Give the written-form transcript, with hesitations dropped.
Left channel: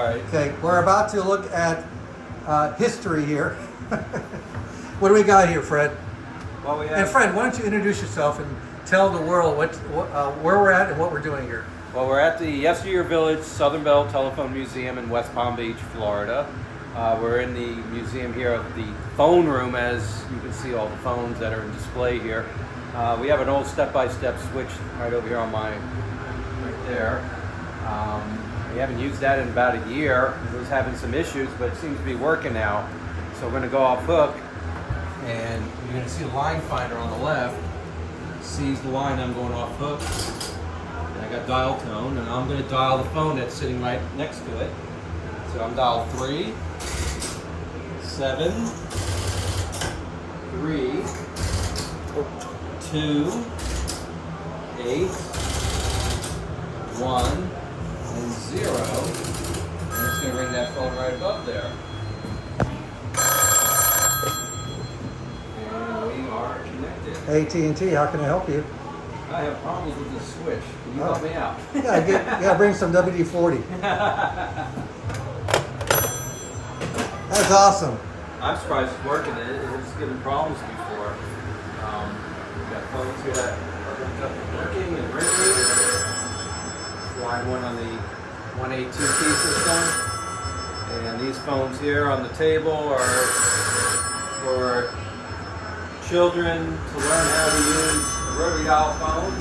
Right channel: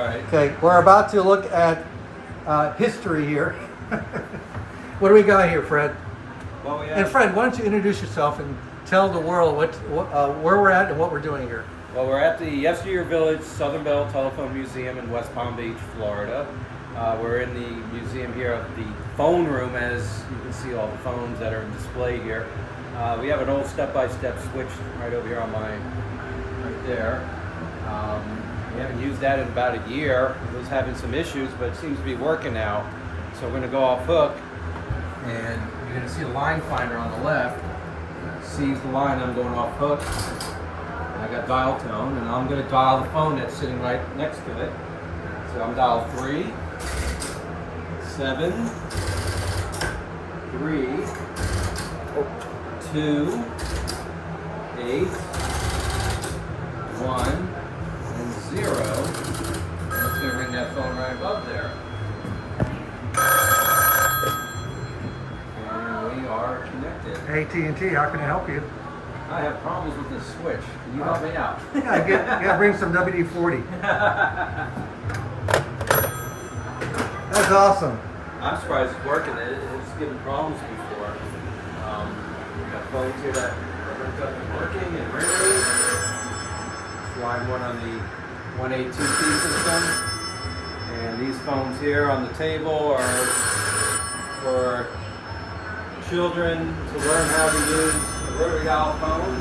Alright. Okay, we're about to look at history here. What do we got here, Fred? Well, we have, And Fred, why don't you introduce yourself and tell the world where we're at and what we're doing here. well, we're at the Yesteryear Village Southern Bell Telephone Museum in West Palm Beach, Florida. We're in the museum here of the phone room, as you can see all the phones that are in display here. We have an old step-by-step switch right over here on my, right there. We haven't used that in about a year. It was having some issues, but it seems to be working now. So we're going to go off hook, and you're going to see a line finder on the left. Sees the line, I'm going off hook. And I got dial tone, and I'm going to dial the phone that's sitting right next to it. So I'm dial 3, 7, 3, 2, 8, 1, and 0. And it's going to ring that phone right above there. And we are connected. AT&T, how can I help you? I have problems with this switch. Can you help me out? Yeah, bring some WD-40. That's awesome. I'm surprised it's working. It was giving problems before. We got phones here that are hooked up and working and ringing. Line 1 on the 182P system. And these phones here on the table are for children to learn how to use the rotary dial phone.